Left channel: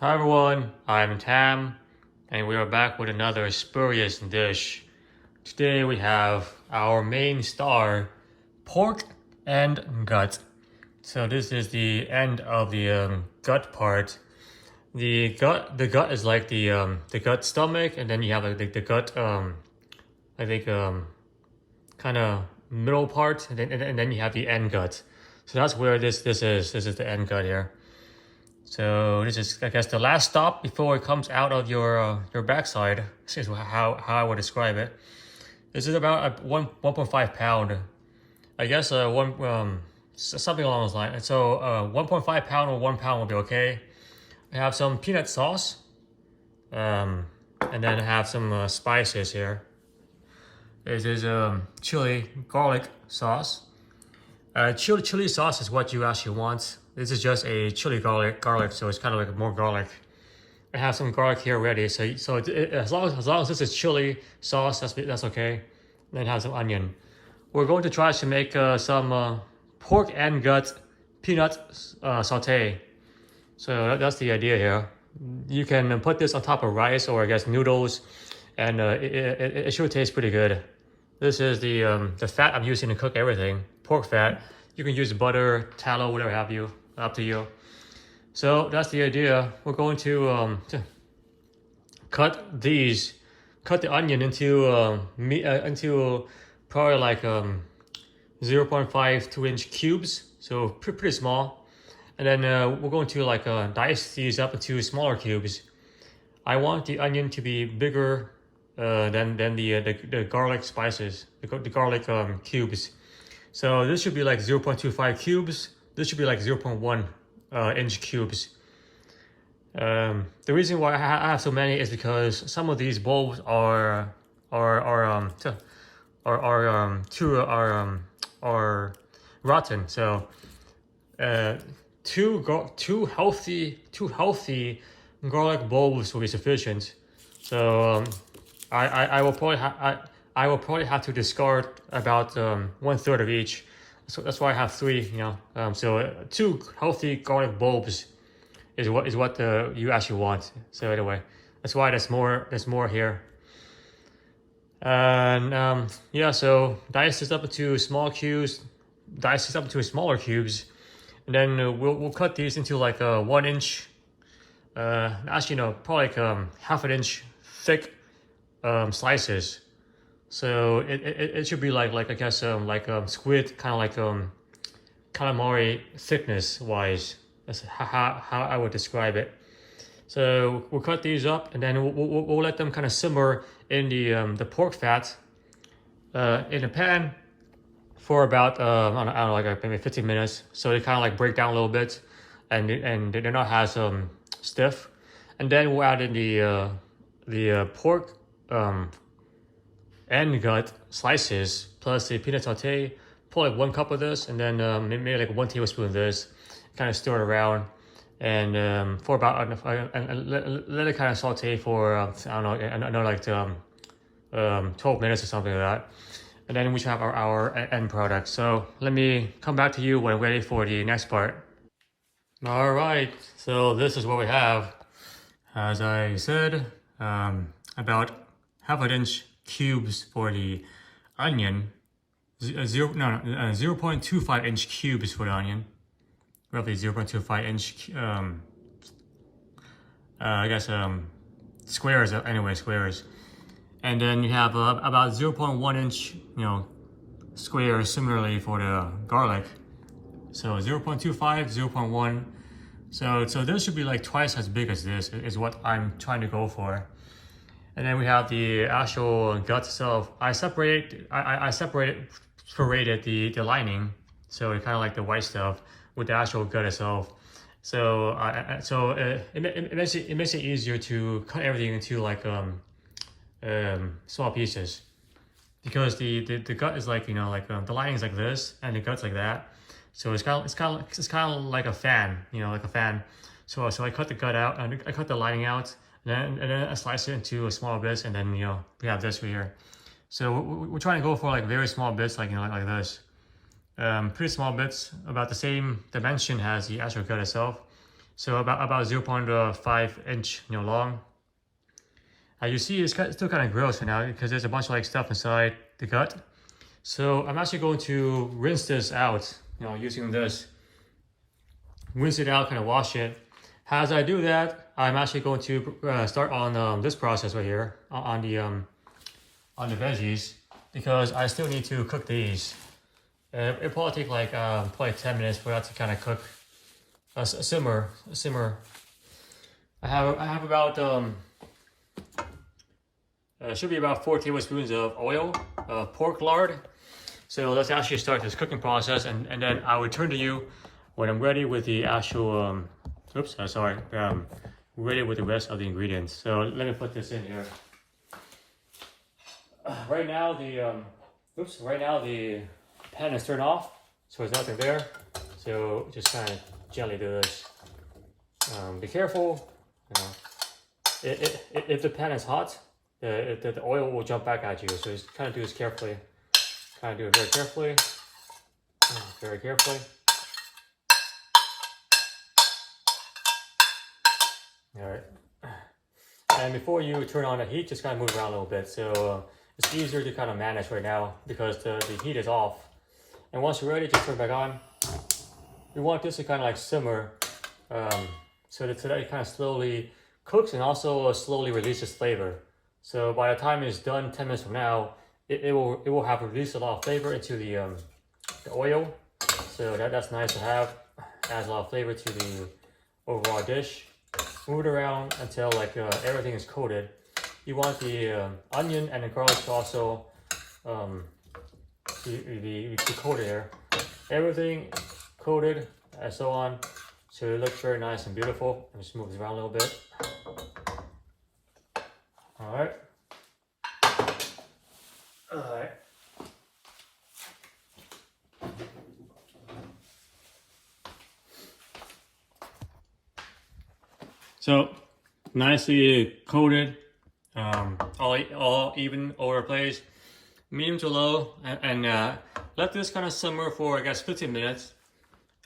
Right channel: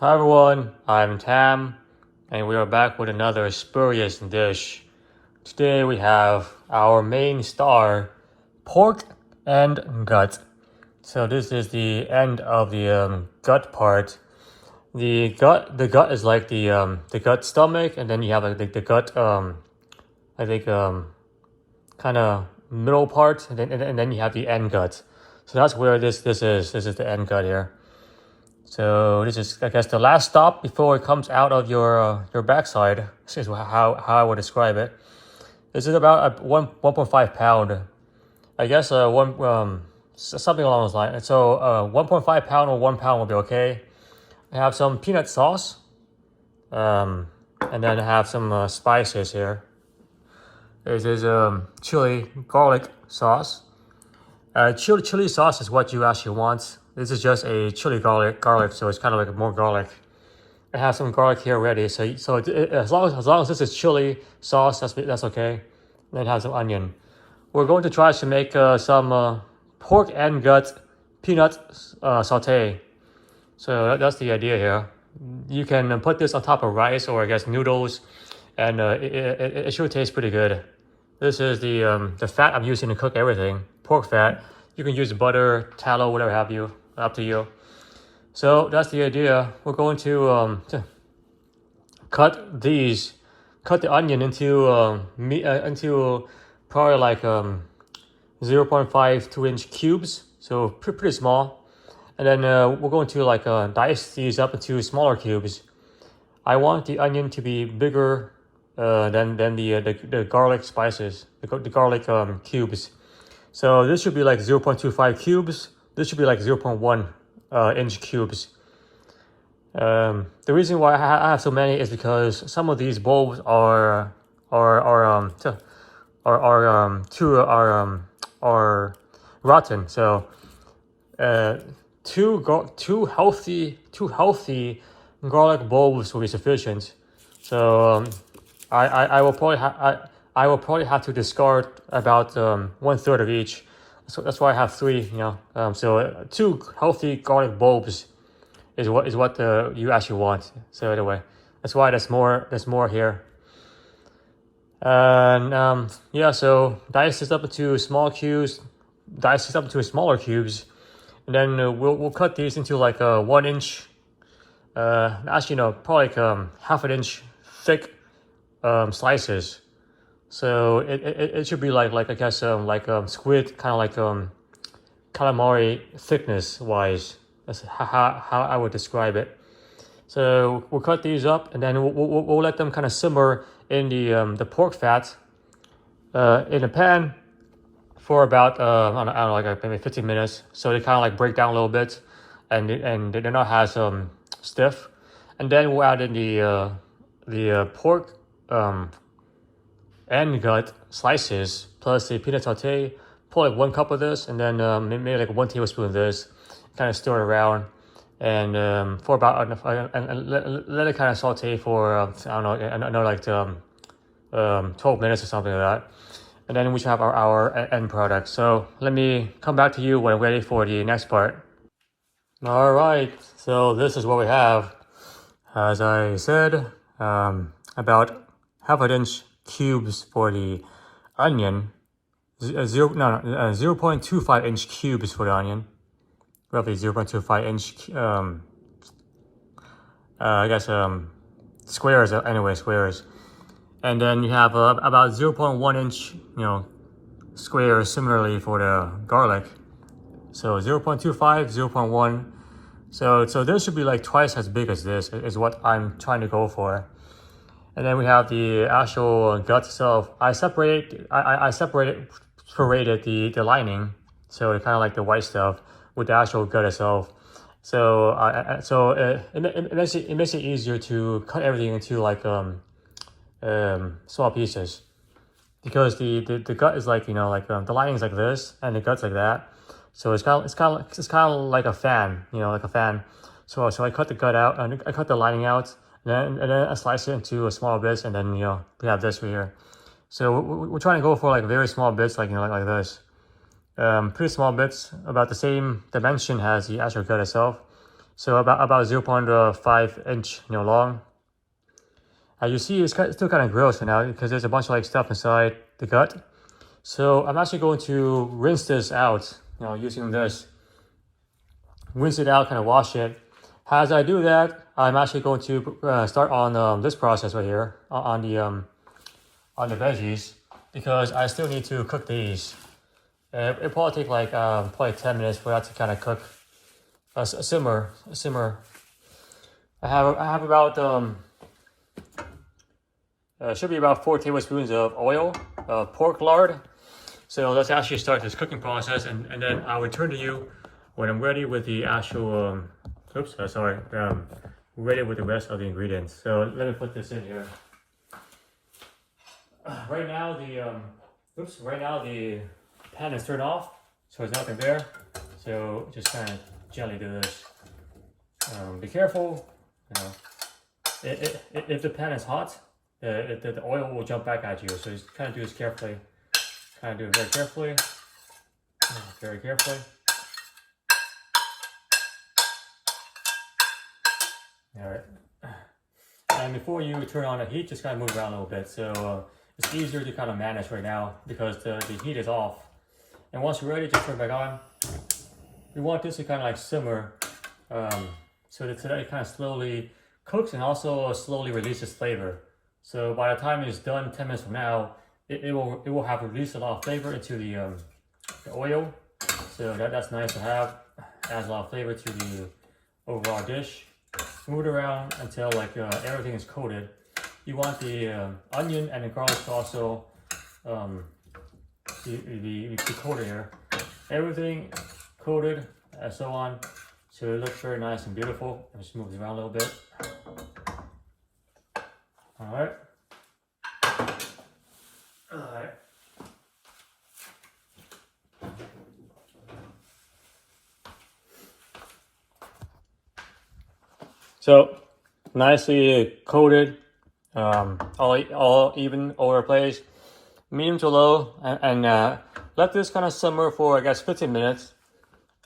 Hi everyone, I'm Tam, and we are back with another spurious dish. Today we have our main star, pork and gut. So this is the end of the gut part. The gut is like the gut stomach, and then you have like the gut I think kind of middle part, and then you have the end gut. So that's where this is. This is the end gut here. So this is, I guess, the last stop before it comes out of your backside. This is how I would describe it. This is about a 1.5 pound. I guess something along those lines. So 1.5 pound or 1 pound will be okay. I have some peanut sauce, and then I have some spices here. This is chili garlic sauce. Chili sauce is what you actually want. This is just a chili garlic, so it's kind of like more garlic. I have some garlic here ready, so as long as this is chili sauce, that's okay. Then have some onion. We're going to try to make some pork and gut peanut saute. So that's the idea here. You can put this on top of rice or I guess noodles, and it should taste pretty good. This is the fat I'm using to cook everything. Pork fat. You can use butter, tallow, whatever have you. Up to you. So that's the idea. We're going to cut the onion into probably like 0.5 2-inch cubes. So pretty small. And then we're going to like dice these up into smaller cubes. I want the onion to be bigger than the garlic spices, the garlic cubes. So this should be like 0.25 cubes. This should be like 0.1 inch cubes. The reason why I have so many is because some of these bulbs are rotten. So two healthy garlic bulbs will be sufficient. So I will probably have to discard about 1/3 of each. So that's why I have 3. So 2 healthy garlic bulbs is what you actually want. So anyway, that's why there's more here. And yeah, so dice this up into small cubes, dice this up into smaller cubes, and then we'll cut these into like 1 inch. Actually, no, probably like 1/2 inch thick slices. So it should be like I guess squid, kind of like calamari thickness wise. That's how I would describe it. So we'll cut these up, and then we'll let them kind of simmer in the pork fat in a pan for about I don't know, like maybe 15 minutes. So they kind of like break down a little bit, and they're not as stiff. And then we'll add in the pork and gut slices plus the peanut saute. Pour like 1 cup of this, and then maybe like 1 tablespoon of this. Kind of stir it around, and for about and let it kind of saute for I don't know, another like 12 minutes or something like that. And then we should have our end product. So let me come back to you when we're ready for the next part. All right, so this is what we have. As I said, about 1/2 inch cubes for the onion, 0.25 inch cubes for the onion, roughly 0.25 inch I guess squares, anyway, squares. And then you have about 0.1 inch squares similarly for the garlic. So 0.25, 0.1. So this should be like twice as big as this is what I'm trying to go for. And then we have the actual gut itself. I separated the lining, so it's kind of like the white stuff with the actual gut itself. So it makes it easier to cut everything into like small pieces, because the gut is like the lining is like this and the gut's like that. So it's kind of like a fan, like a fan. So I cut the gut out and I cut the lining out. And then I slice it into smaller bits, and then we have this right here. So we're trying to go for like very small bits, like like this. Pretty small bits, about the same dimension as the actual gut itself. So about 0.5 inch, long. You see, it's still kind of gross for now because there's a bunch of like stuff inside the gut. So I'm actually going to rinse this out, using this. Rinse it out, kind of wash it. As I do that, I'm actually going to start on this process right here on the veggies, because I still need to cook these. It probably take like probably 10 minutes for that to kind of cook, simmer. I have about should be about 4 tablespoons of oil, pork lard. So let's actually start this cooking process, and then I will return to you when I'm ready with the actual ready with the rest of the ingredients. So let me put this in here. Right now the pan is turned off, so there's nothing there. So just kind of gently do this. Be careful, if the pan is hot, the oil will jump back at you. So just kind of do this carefully. Kind of do it very carefully. Very carefully. All right. And before you turn on the heat, just kind of move around a little bit. So it's easier to kind of manage right now because the heat is off. And once you're ready, just turn it back on. You want this to kind of like simmer, so that it kind of slowly cooks and also slowly releases flavor. So by the time it's done 10 minutes from now, it will have released a lot of flavor into the oil. So that's nice to have. Adds a lot of flavor to the overall dish. Move it around until like everything is coated. You want the onion and the garlic to also be coated here. Everything coated and so on. So it looks very nice and beautiful. Just move it around a little bit. All right. So nicely coated, all even over the place, medium to low, and let this kind of simmer for, I guess, 15 minutes,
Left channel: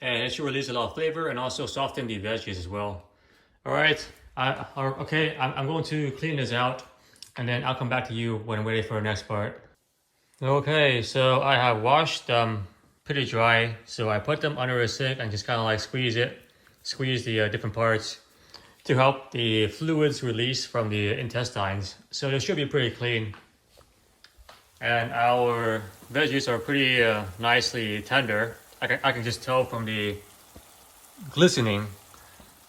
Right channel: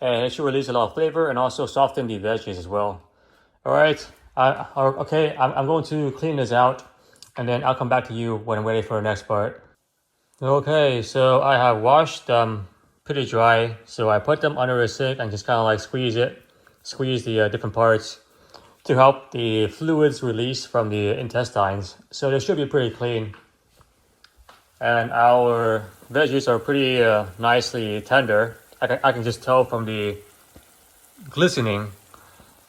and it should release a lot of flavor and also soften the veggies as well. All right, okay, I'm going to clean this out, and then I'll come back to you when I'm ready for the next part. Okay, so I have washed them pretty dry, so I put them under a sink and just kind of like squeeze the different parts to help the fluids release from the intestines. So they should be pretty clean. And our veggies are pretty nicely tender. I can just tell from the glistening.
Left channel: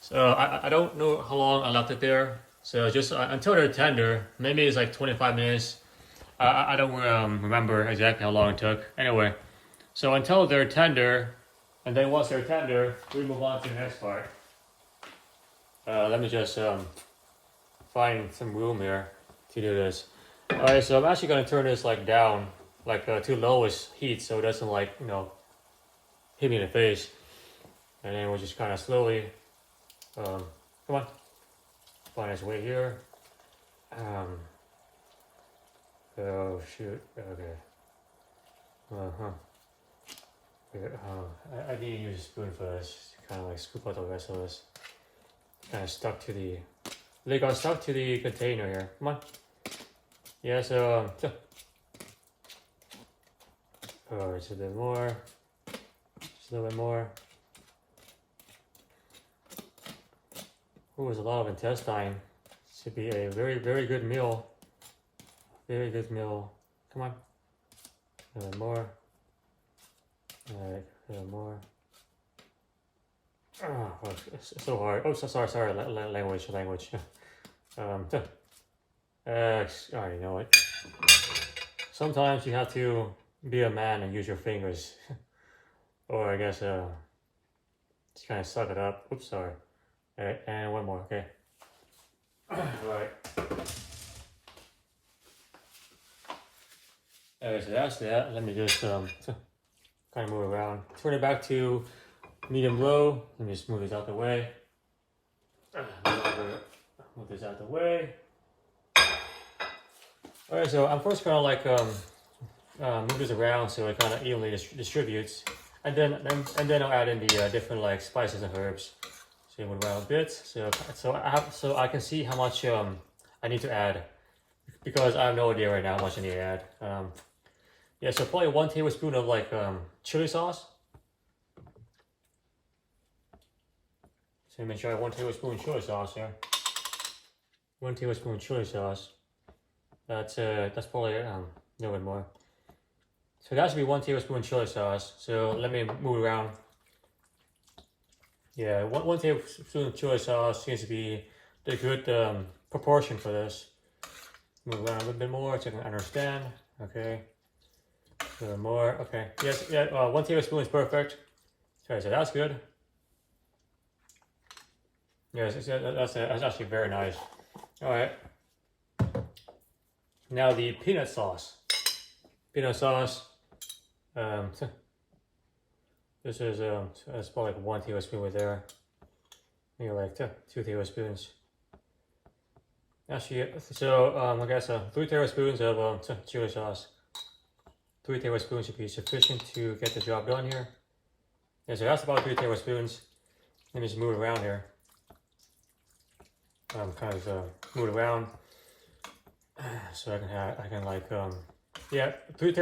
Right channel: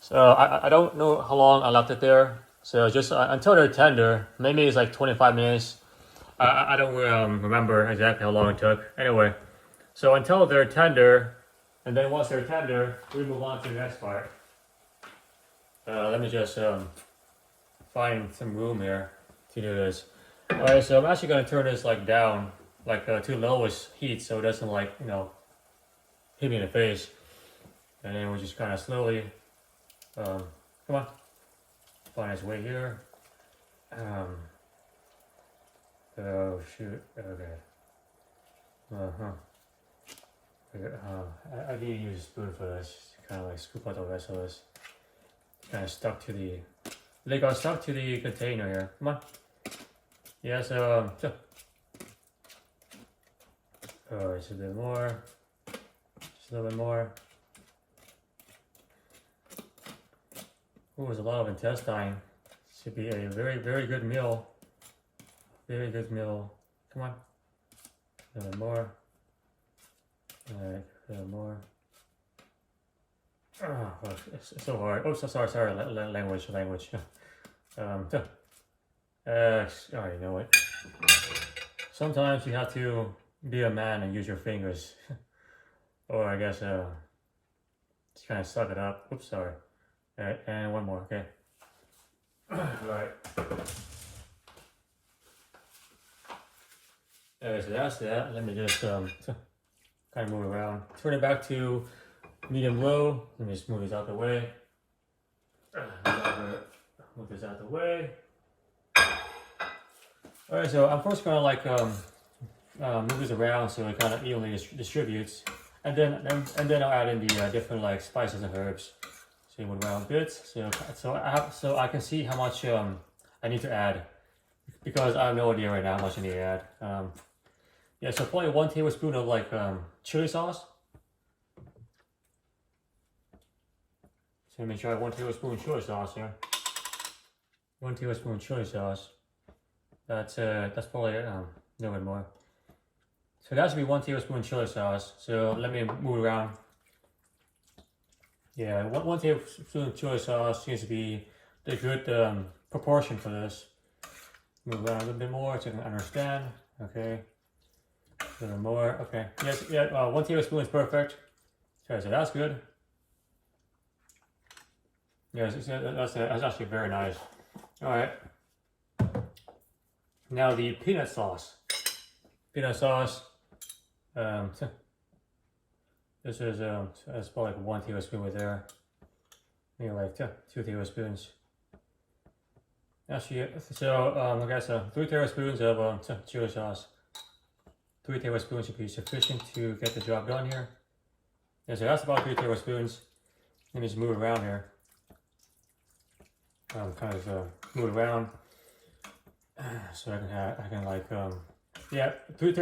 So I don't know how long I left it there. So just until they're tender, maybe it's like 25 minutes. I don't remember exactly how long it took. Anyway, so until they're tender, and then once they're tender, we move on to the next part. Let me just find some room here to do this. All right, so I'm actually gonna turn this like down, like to lowest heat, so it doesn't like hit me in the face. And then we'll just kind of slowly, come on, find its way here. Oh shoot, okay. I need to use a spoon for this, kind of like scoop out the rest of this. Kind of stuck to they got stuck to the container here. Come on. Yeah, so oh, it's a bit more. Just a little bit more. Oh, there's a lot of intestine. Should be a very, very good meal. Very good meal. Come on. A little bit more. Alright, a little more. Oh, it's so hard. Oh, so sorry. Language. I already know it. Sometimes you have to be a man and use your fingers, or I guess just kind of suck it up. Oops, sorry. All right, and one more. Okay. All right. Alright, so that's that. Let me just kind of move around. Turn it back to medium low. Let me just move this out the way. Move this out the way. All right, so I'm first gonna like move this around so it kind of evenly distributes, and then I'll add in the different like spices and herbs. So move around a bit. So I can see how much I need to add, because I have no idea right now how much I need to add. Yeah, so probably 1 tablespoon of like chili sauce. So make sure I have 1 tablespoon chili sauce here. 1 tablespoon chili sauce. That's probably a little bit more. So that should be 1 tablespoon chili sauce. So let me move around. Yeah, one tablespoon chili sauce seems to be the good proportion for this. Move around a little bit more so I can understand. Okay. A little more. Okay. Yes. Yeah. 1 tablespoon is perfect. So that's good. Yes. That's actually very nice. All right. Now the peanut sauce. Peanut sauce. This is that's probably like 1 tablespoon right there. Maybe like 2 tablespoons. Actually, so I guess 3 tablespoons of chili sauce. 3 tablespoons should be sufficient to get the job done here. Yeah, so that's about 3 tablespoons. Let me just move around here. Kind of move around so I can like yeah, 3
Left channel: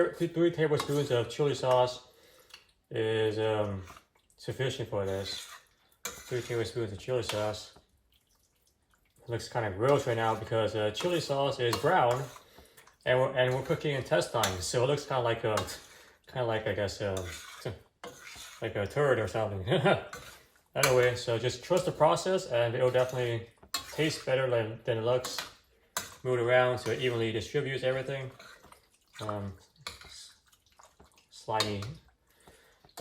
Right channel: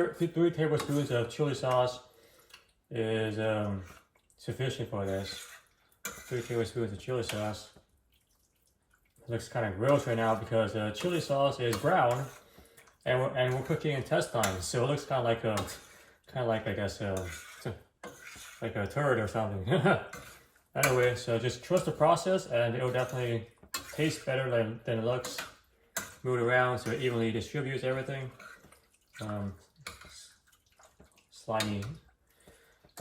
tablespoons of chili sauce is sufficient for this. 3 tablespoons of chili sauce. It looks kind of gross right now because chili sauce is brown, and we're cooking intestines, so it looks kind of like I guess like a turd or something. Anyway, so just trust the process, and it'll definitely taste better than it looks. Move it around so it evenly distributes everything. Slimy.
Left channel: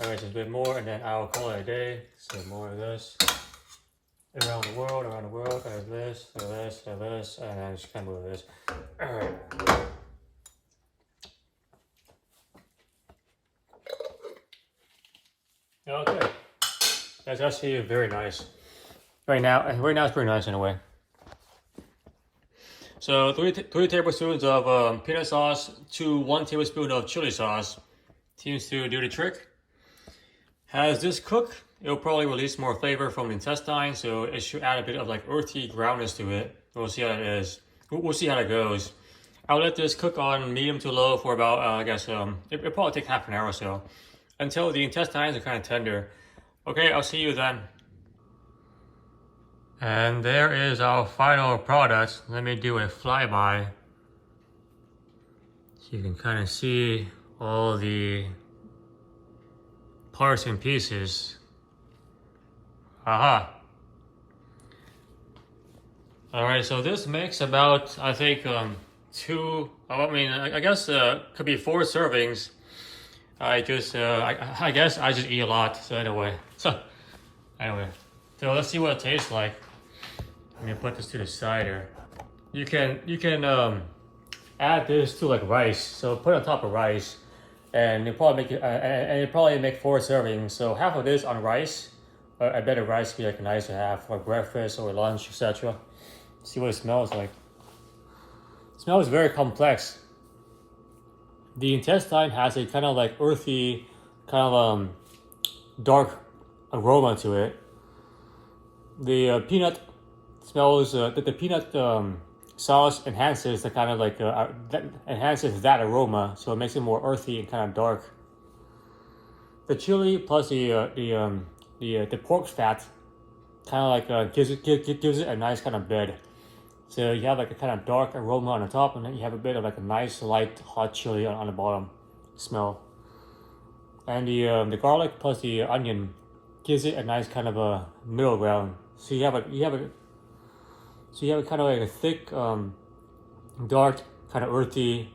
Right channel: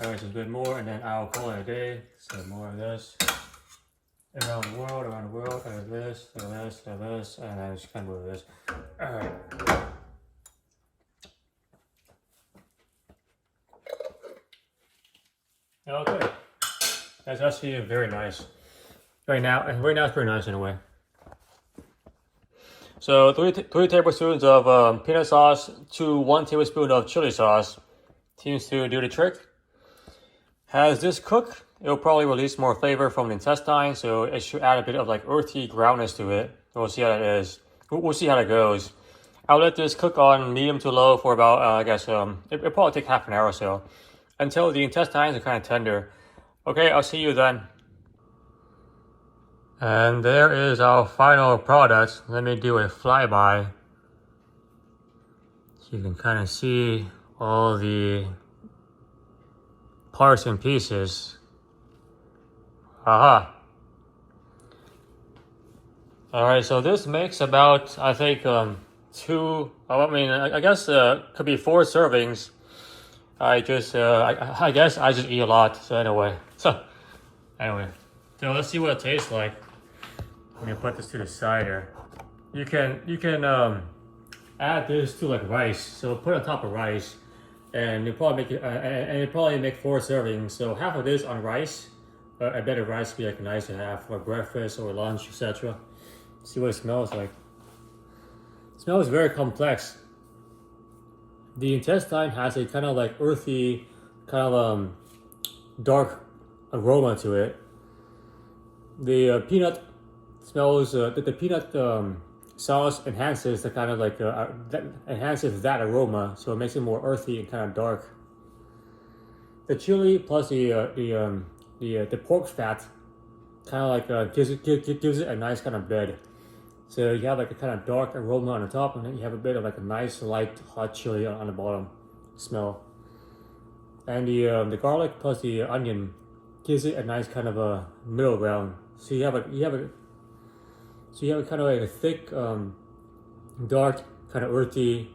Alright, so a bit more, and then I'll call it a day. So more of this. Around the world, there's this, and then just kind of move this. Alright. Okay. That's actually very nice. Right now it's pretty nice in a way. So 3 tablespoons of peanut sauce to 1 tablespoon of chili sauce seems to do the trick. As this cook, it'll probably release more flavor from the intestine, so it should add a bit of like earthy groundness to it. We'll see how it is. We'll see how it goes. I'll let this cook on medium to low for about I guess it'll probably take half an hour or so, until the intestines are kind of tender. Okay, I'll see you then. And there is our final product. Let me do a flyby so you can kind of see all the parts and pieces. Aha. All right, so this makes about, I think, I guess could be 4 servings. I guess I just eat a lot. So anyway, so let's see what it tastes like. Let me put this to the side here. You can add this to like rice. So put it on top of rice, and you probably make 4 servings. So half of this on rice. I bet a rice would be like nice to have for breakfast or lunch, etc. See what it smells like. It smells very complex. The intestine has a kind of like earthy, kind of dark aroma to it. The peanut smells. The peanut sauce enhances the kind of like enhances that aroma, so it makes it more earthy and kind of dark. The chili plus the pork fat kind of like gives it a nice kind of bed. So you have like a kind of dark aroma on the top, and then you have a bit of like a nice light hot chili on the bottom smell. And the garlic plus the onion gives it a nice kind of a middle ground. So you have a kind of like a thick, dark, kind of earthy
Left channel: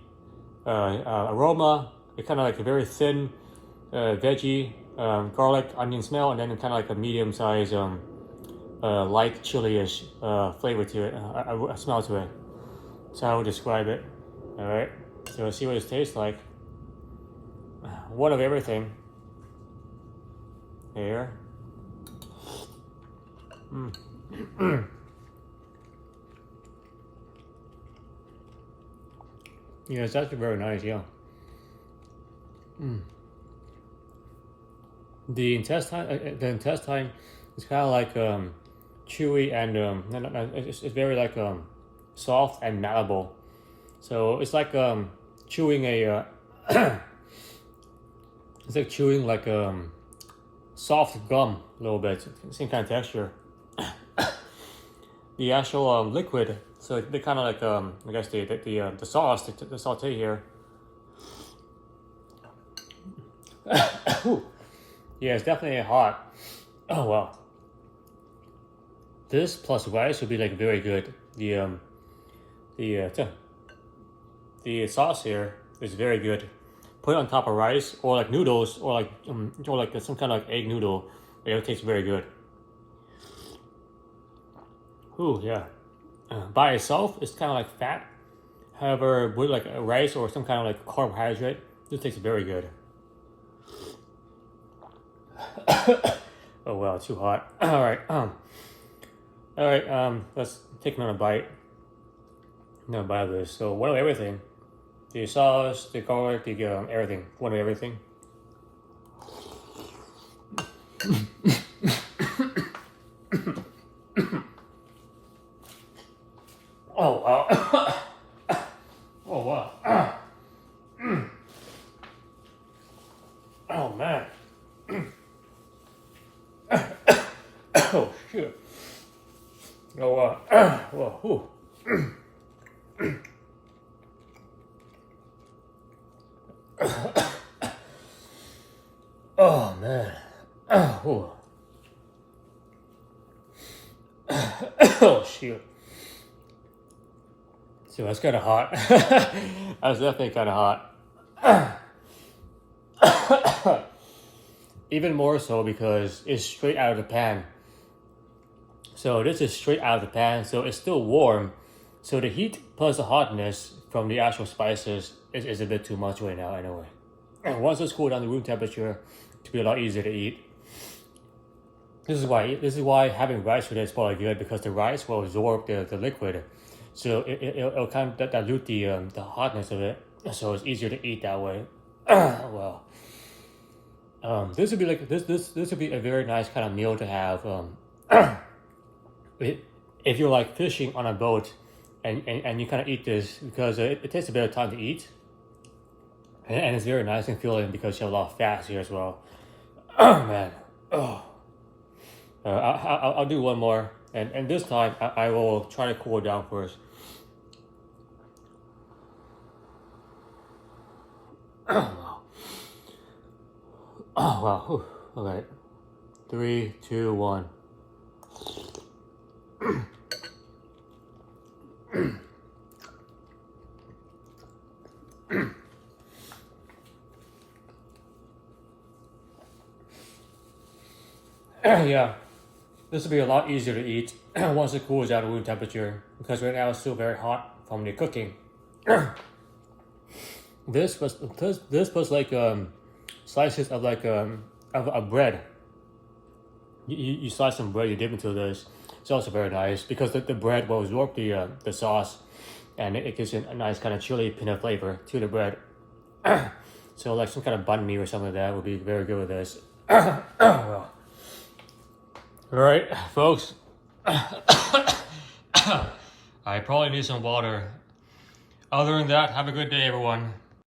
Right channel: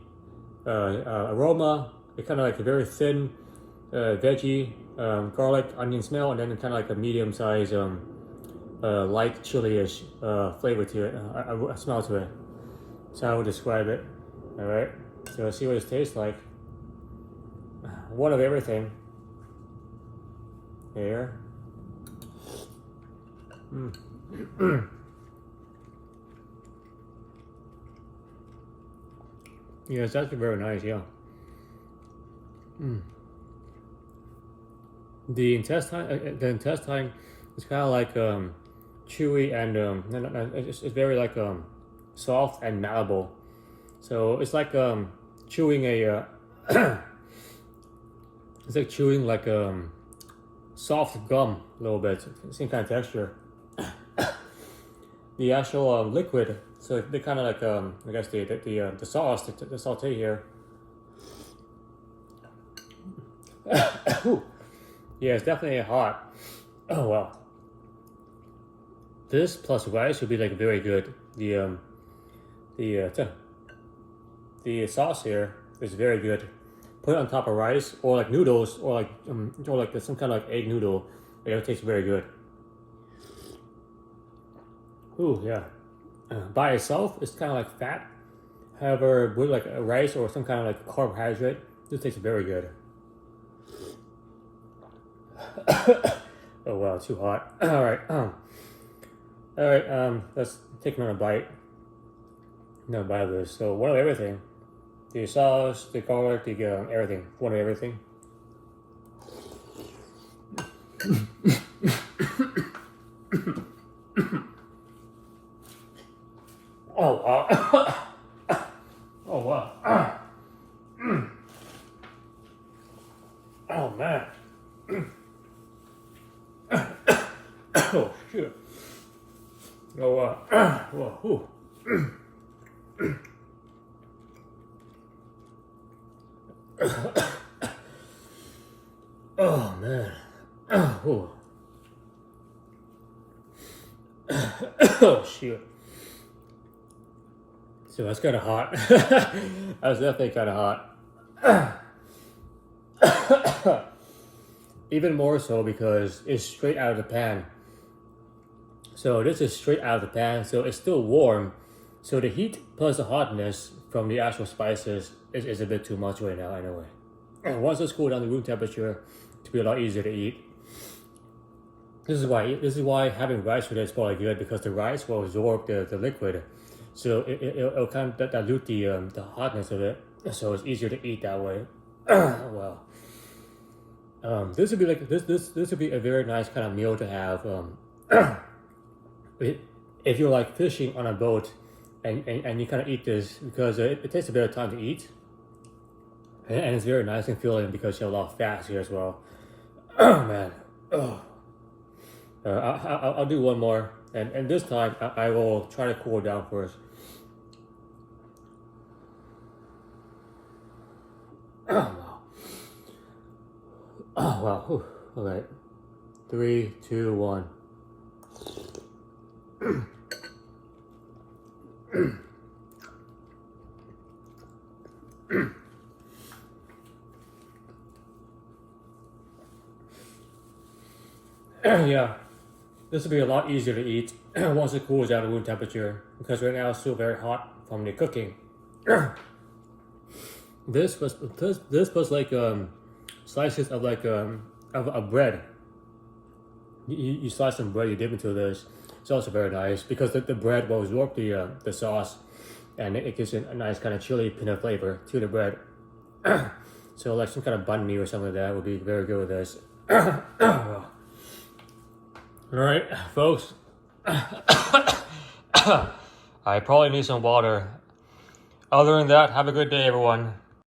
aroma. It's kind of like a very thin veggie, garlic, onion smell, and then kind of like a medium-sized light chili-ish flavor to it, a smell to it. That's how I would describe it. All right, so let's see what it tastes like. One of everything. Here. Yeah, it's actually very nice, yeah. The intestine is kind of like chewy and it's very like soft and malleable. So it's like chewing a it's like chewing like soft gum a little bit. Same kind of texture. The actual liquid, so they kind of like I guess the sauce, the saute here. Ooh. Yeah, it's definitely hot. Oh wow. This plus rice would be like very good. The sauce here is very good. Put it on top of rice or like noodles or like some kind of like egg noodle. It tastes very good. Ooh yeah. By itself, it's kind of like fat. However, with like a rice or some kind of like carbohydrate, this tastes very good. Oh wow, too hot. All right. Let's take another bite. Another bite of this. So one of everything. The sauce, the garlic, the everything. One of everything. Oh wow. Oh wow. Oh man. Oh shit. Oh well, ooh. Oh man. Oh. Oh shoot. So that's kind of hot. That's definitely kind of hot. Even more so because it's straight out of the pan. So this is straight out of the pan, so it's still warm. So the heat plus the hotness from the actual spices is a bit too much right now anyway. And once it's cooled down to room temperature, it'll be a lot easier to eat. This is why having rice with it is probably good, because the rice will absorb the liquid. So it'll kind of dilute the hotness of it. So it's easier to eat that way. Well. This would be like this would be a very nice kind of meal to have if you're like fishing on a boat and you kind of eat this, because it takes a bit of time to eat, and it's very nice and filling because you have a lot of fats here as well. Oh man. Oh. I'll do one more, and this time I will try to cool it down first. Oh wow. Oh wow. Whew. Okay. 3, 2, 1. Yeah, this will be a lot easier to eat once it cools down to room temperature, because right now it's still very hot from the cooking. This was like slices of like of bread. You slice some bread, you dip into this. It's also very nice because the bread will absorb the sauce, and it gives it a nice kind of chili peanut flavor to the bread. So like some kind of banh mi or something like that would be very good with this. All right, folks. I probably need some water. Other than that, have a good day, everyone.